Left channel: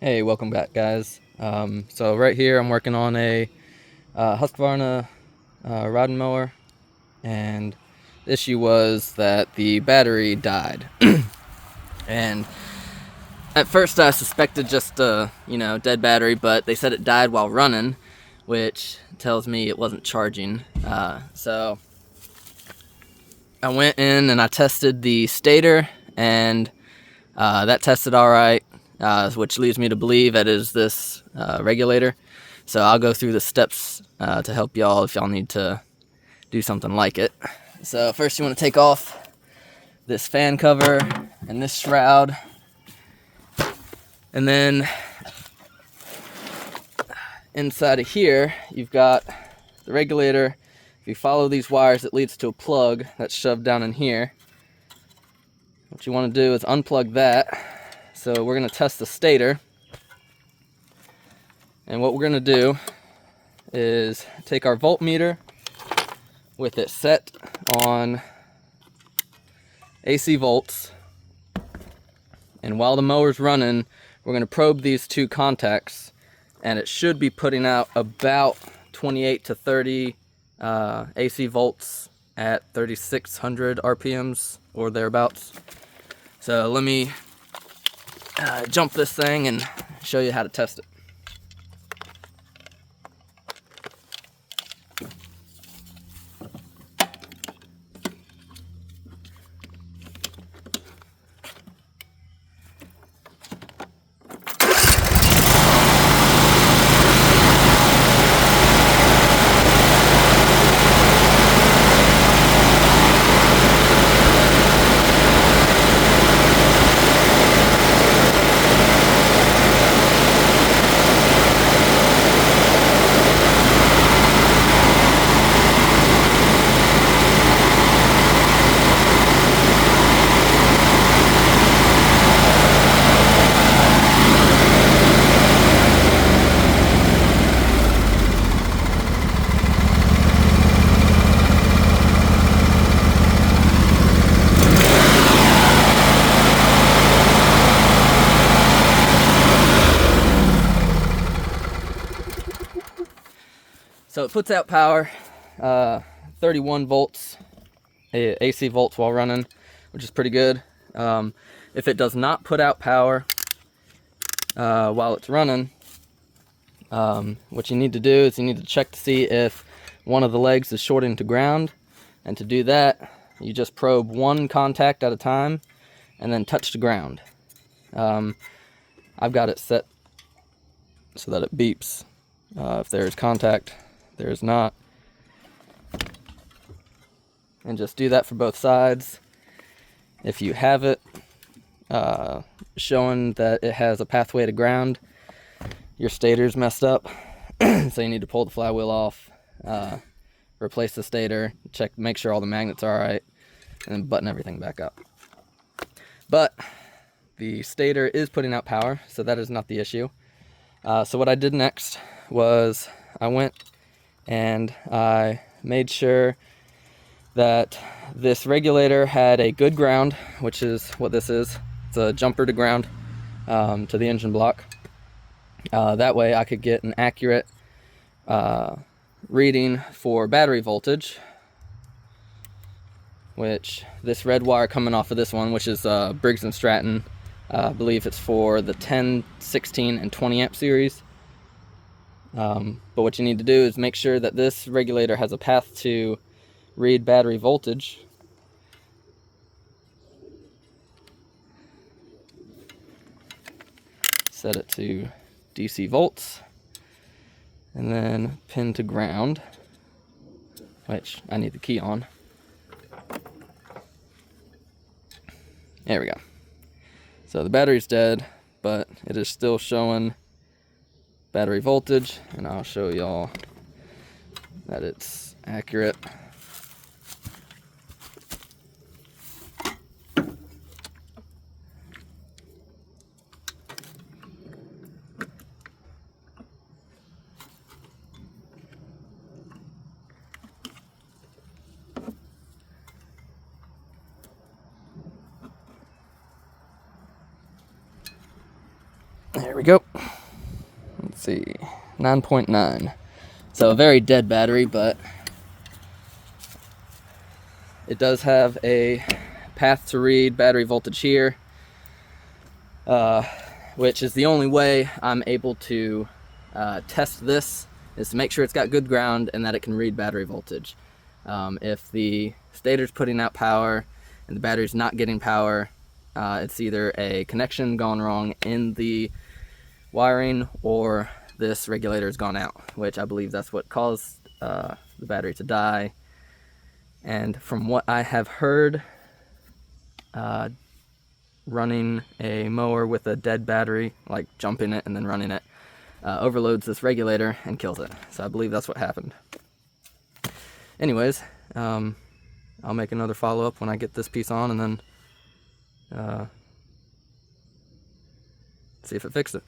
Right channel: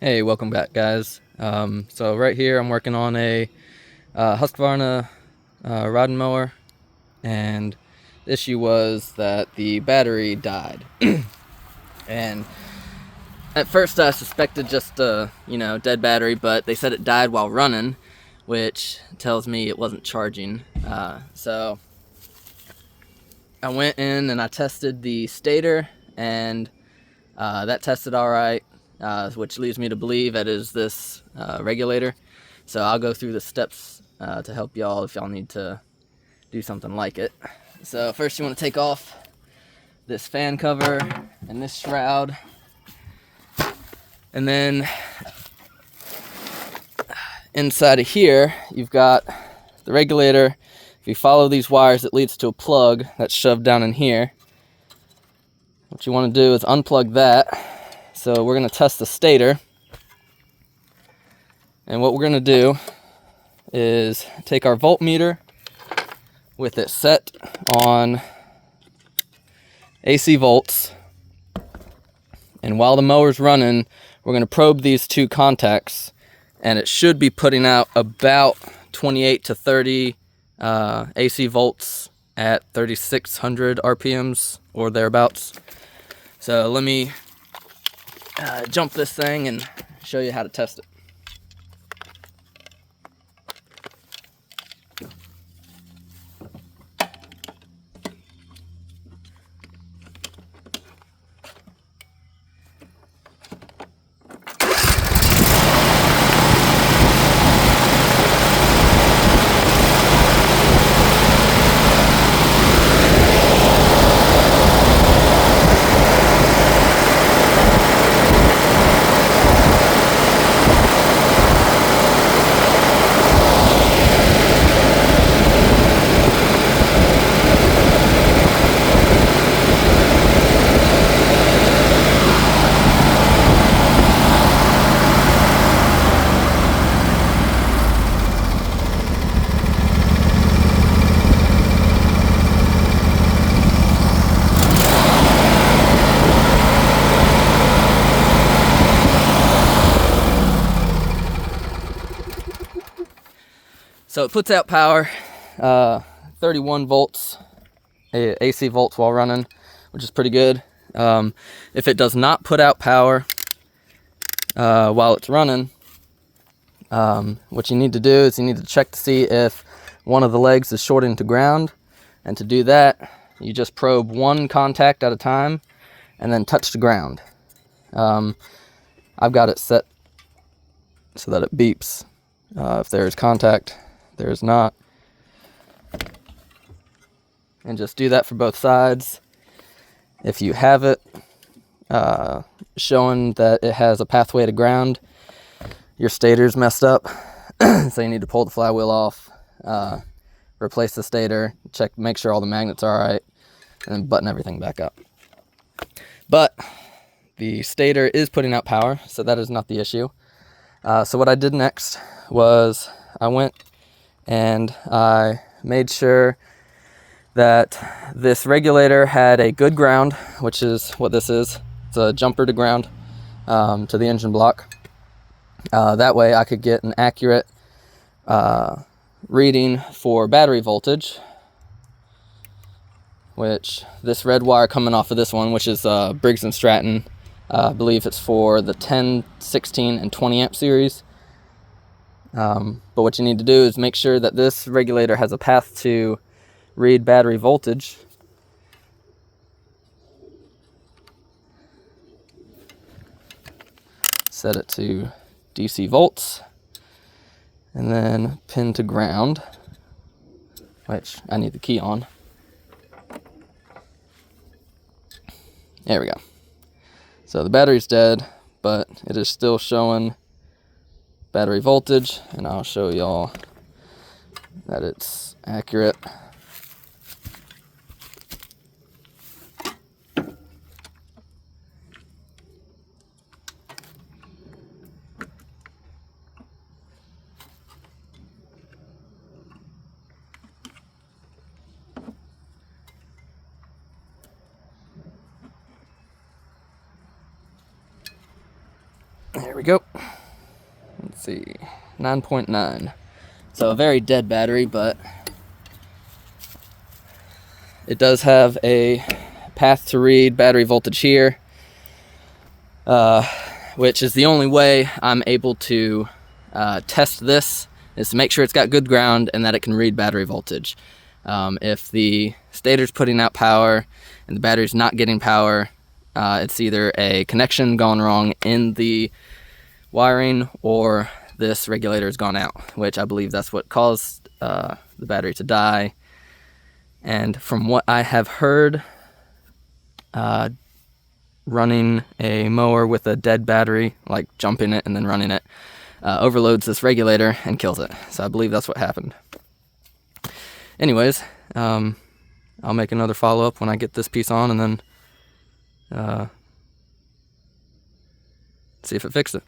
Hey, welcome back, guys. So right here, I'm working on a Husqvarna rod and mower, and the issue was that the battery died. And at first, I suspected just a dead battery, but they said it died while running, which tells me it wasn't charging. So I went in and I tested the stator, and that tested all right, which leads me to believe it is this regulator. So I'll go through the steps to help y'all if y'all need to do something like it. So first you want to take off this fan cover and this shroud. And then inside of here, you've got the regulator. If you follow these wires, it leads to a plug that's shoved down in here. What you want to do is unplug that. So we're going to test the stator. And what we're going to do is take our voltmeter with it set on AC volts. And while the mower's running, we're going to probe these two contacts. And it should be putting out about 28 to 30 AC volts at 3,600 RPMs or thereabouts. So let me jump this thing and show you how to test it. So it puts out power, 31 volts, AC volts while running, which is pretty good. If it does not put out power while it's running, what you need to do is you need to check to see if one of the legs is shorting to ground. And to do that, you just probe one contact at a time and then touch the ground. I've got it set so that it beeps if there is contact. There is not. And just do that for both sides. If you have it showing that it has a pathway to ground, your stator's messed up. So you need to pull the flywheel off, replace the stator, make sure all the magnets are all right, and then button everything back up. But the stator is putting out power, so that is not the issue. So what I did next was I went and I made sure that this regulator had a good ground, which is what this is. It's a jumper to ground to the engine block. That way I could get an accurate reading for battery voltage, which this red wire coming off of this one, which is Briggs and Stratton, I believe it's for the 10, 16, and 20 amp series. But what you need to do is make sure that this regulator has a path to read battery voltage. Set it to DC volts, and then pin to ground, which I need the key on. There we go. So the battery's dead, but it is still showing battery voltage, and I'll show y'all that it's accurate. There we go. Let's see, 9.9. So a very dead battery, but it does have a path to read battery voltage here, which is the only way I'm able to test this, is to make sure it's got good ground and that it can read battery voltage. If the stator's putting out power and the battery's not getting power, it's either a connection gone wrong in the wiring or this regulator has gone out, which I believe that's what caused the battery to die. And from what I have heard, running a mower with a dead battery, like jumping it and then running it, overloads this regulator and kills it. So I believe that's what happened. Anyways, I'll make another follow-up when I get this piece on, and then see if it fixed it.